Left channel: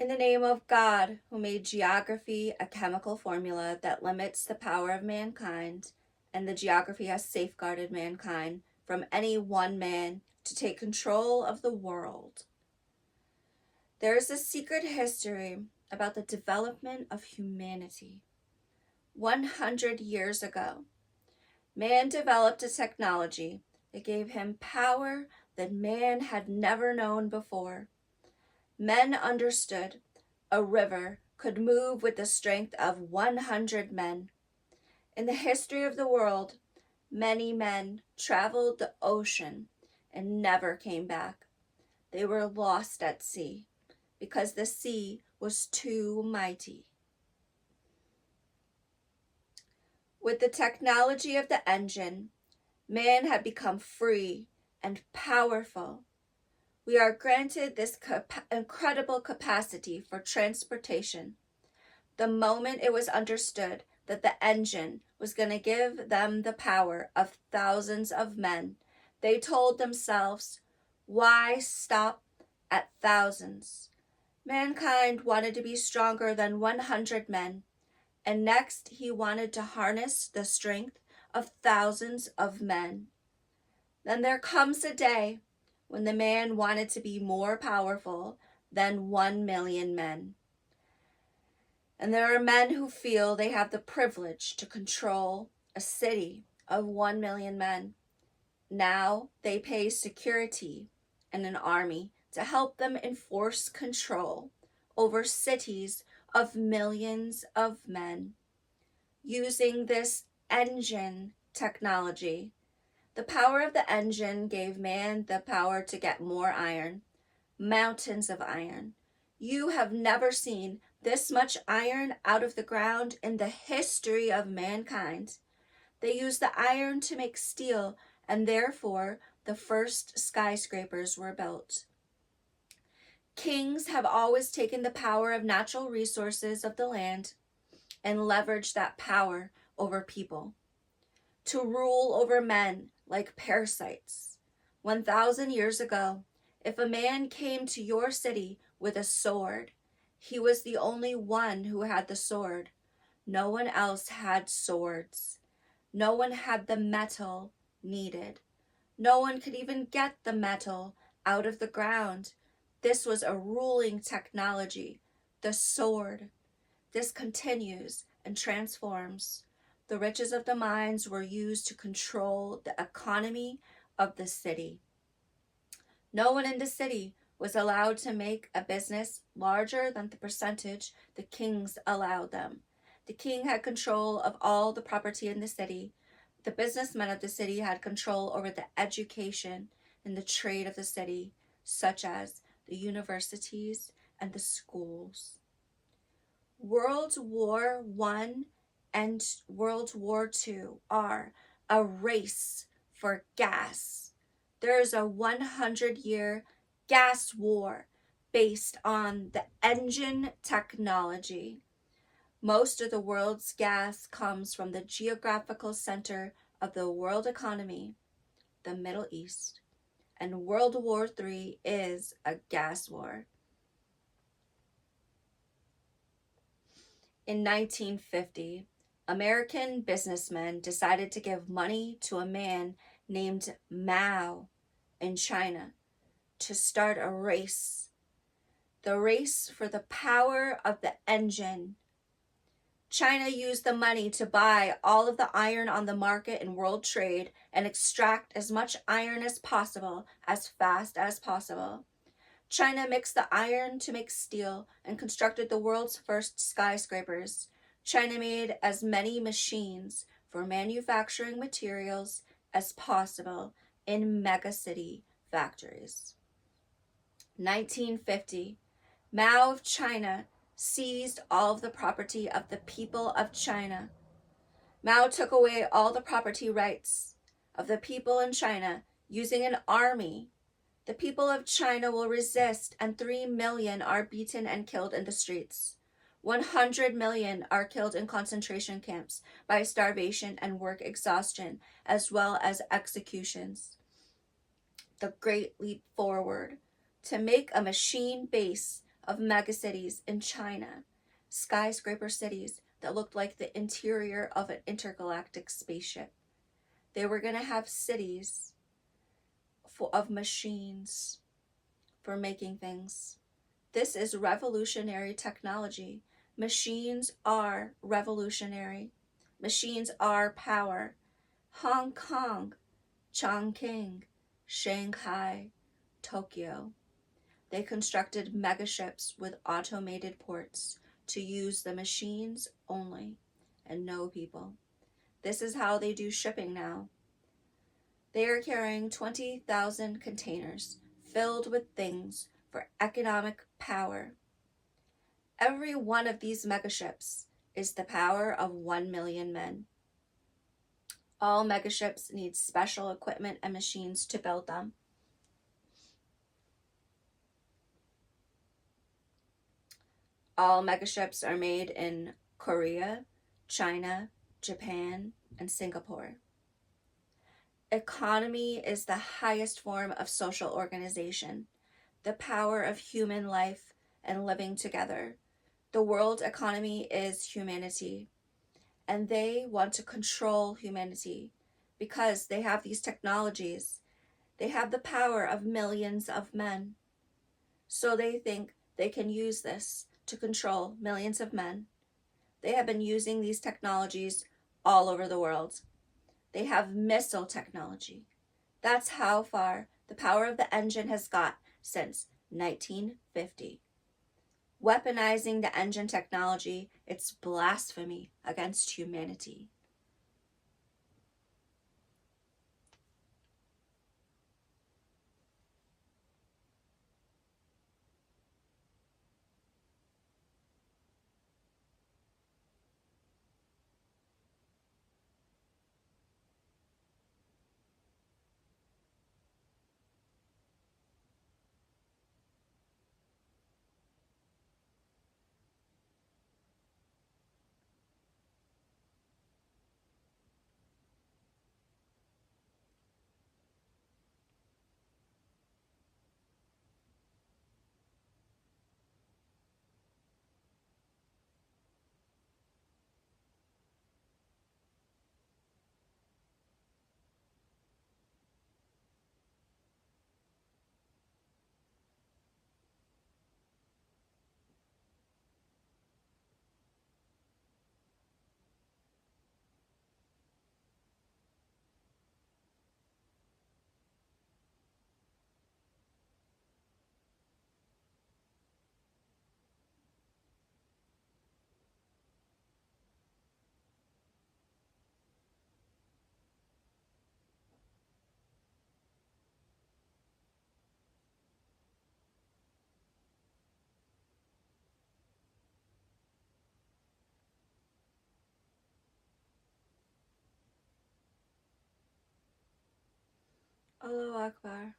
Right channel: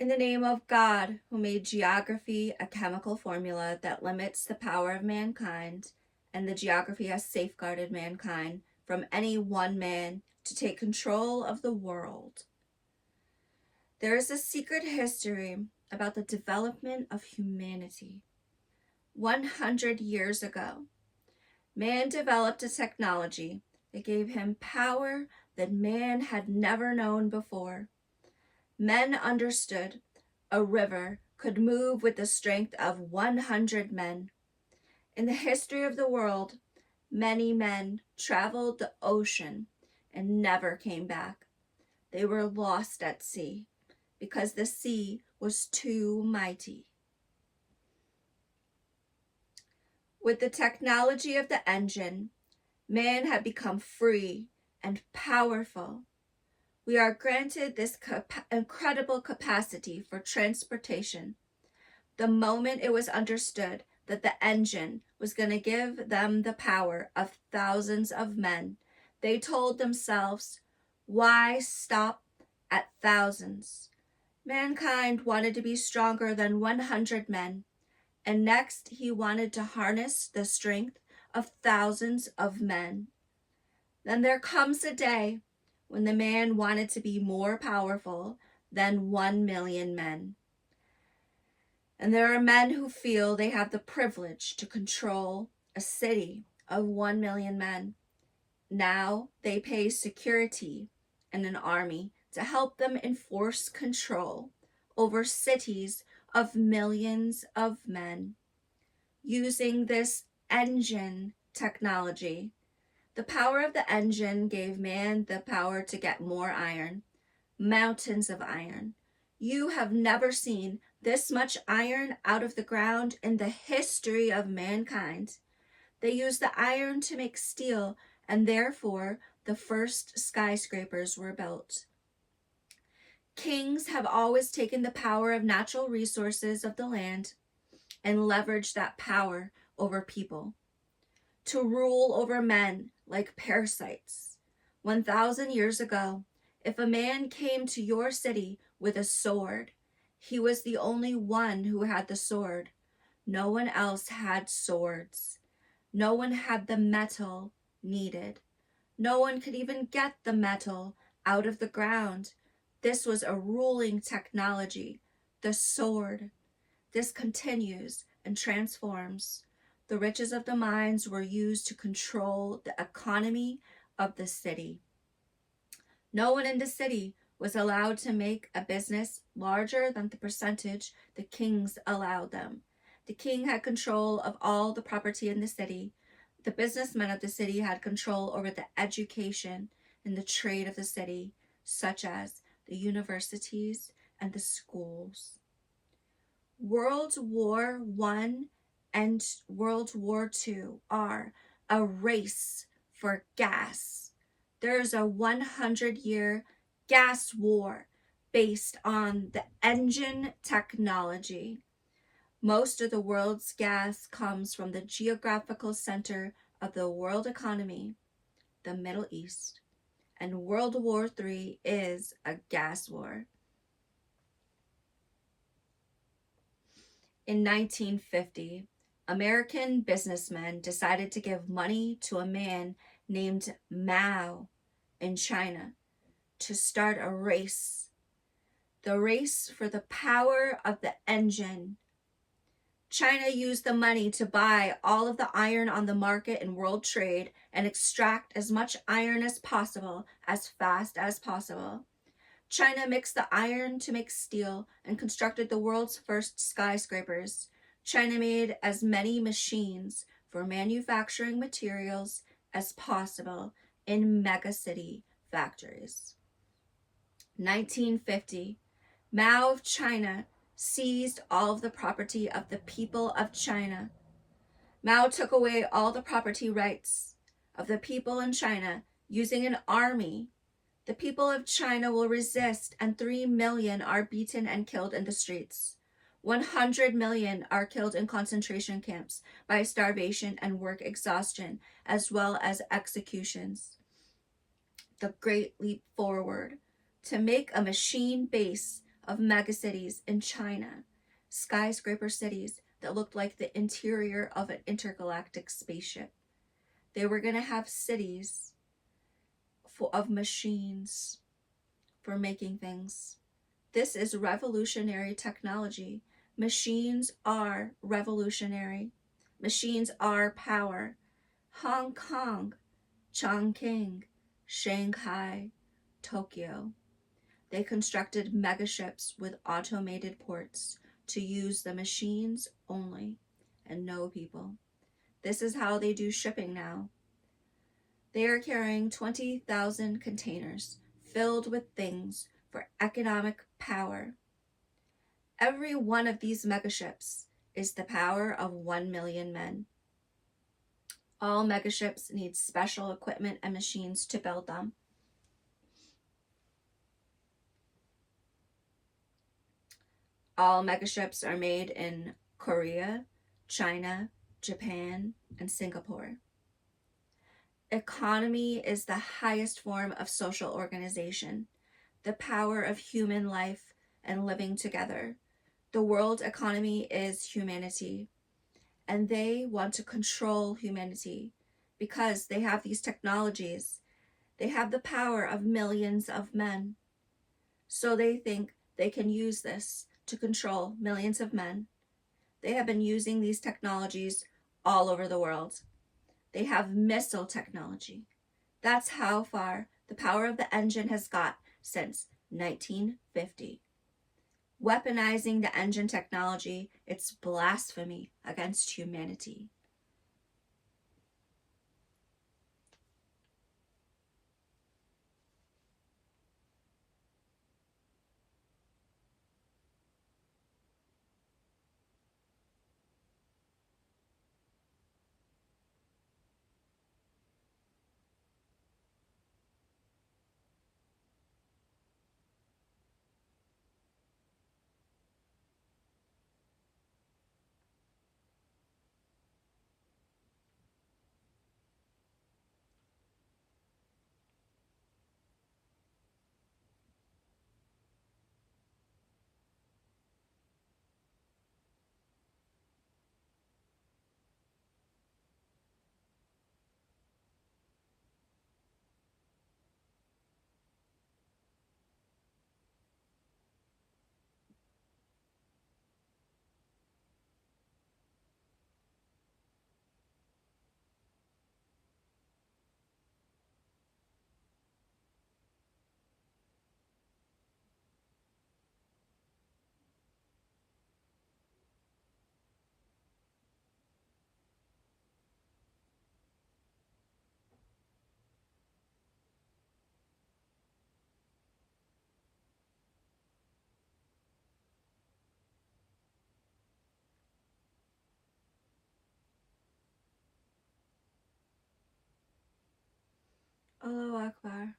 In the name of God, who made geography a chemical formula that limits the power of mankind, and the geography has safeguarded mankind from any one man to take control of the world. There is a secret history about the development of humanity. 100 years ago, man developed a technology that gave him power that man had never known before. Men understood a river could move with the strength of 100 men. In the history of the world, many men traveled the ocean and never came back. They were lost at sea because the sea was too mighty. With the technology of the engine, man had become free and powerful. We are granted this incredible capacity for transportation. The moment it was understood that the engine was going to give them the power of thousands of men, they told themselves, why stop at thousands? Mankind wanted to be stronger than 100 men, and next he wanted to harness the strength of thousands of men. Then there comes a day when the man wanted to be more powerful than 1 million men. And there are men who feel they have the privilege to control a city of 1 million men. Now they pay security and an army to help them enforce control over cities of millions of men. Using this engine technology, the power of the engine gave man the power to get more iron, mountains of iron. You have never seen this much iron out of the ground in the history of mankind. They used the iron to make steel, and therefore the first skyscrapers were built. Kings have always taken the power of natural resources of the land and leveraged that power over people to rule over men like parasites. 1,000 years ago, if a man came to your city with a sword, he was the only one who had the sword. No one else had swords. No one had the metal needed. No one could even get the metal out of the ground. This was a ruling technology, the sword. This continues and transforms. The riches of the mines were used to control the economy of the city. No one in the city was allowed to make a business larger than the percentage the kings allowed them. The king had control of all the property in the city. The businessmen of the city had control over the education and the trade of the city, such as the universities and the schools. World War I and World War II are a race for gas. There is a 100-year gas war based on the engine technology. Most of the world's gas comes from the geographical center of the world economy, the Middle East, and World War III is a gas war. In 1950, American businessmen decided to give money to a man named Mao in China to start a race. The race for the power of the engine. China used the money to buy all of the iron on the market in world trade and extract as much iron as possible, as fast as possible. China mixed the iron to make steel and constructed the world's first skyscrapers. China made as many machines for manufacturing materials as possible in megacity factories. 1950, Mao of China seized all of the property of the people of China. Mao took away all the property rights of the people in China using an army. The people of China will resist, and 3 million are beaten and killed in the streets. 100 million are killed in concentration camps by starvation and work exhaustion, as well as executions. The Great Leap Forward. To make a machine base of megacities in China, skyscraper cities that looked like the interior of an intergalactic spaceship. They were going to have cities full of machines for making things. This is revolutionary technology. Machines are revolutionary. Machines are power. Hong Kong, Chongqing, Shanghai, Tokyo. They constructed megaships with automated ports to use the machines only and no people. This is how they do shipping now. They are carrying 20,000 containers filled with things for economic power. Every one of these megaships is the power of 1 million men. All megaships need special equipment and machines to build them. All megaships are made in Korea, China, Japan, and Singapore. Economy is the highest form of social organization, the power of human life and living together. The world economy is humanity, and they want to control humanity because they have these technologies. They have the power of millions of men. So they think they can use this to control millions of men. They have been using these technologies all over the world. They have missile technology. That's how far the power of the engine has got since 1950. Weaponizing the engine technology, it's blasphemy against humanity. Allahu Akbar.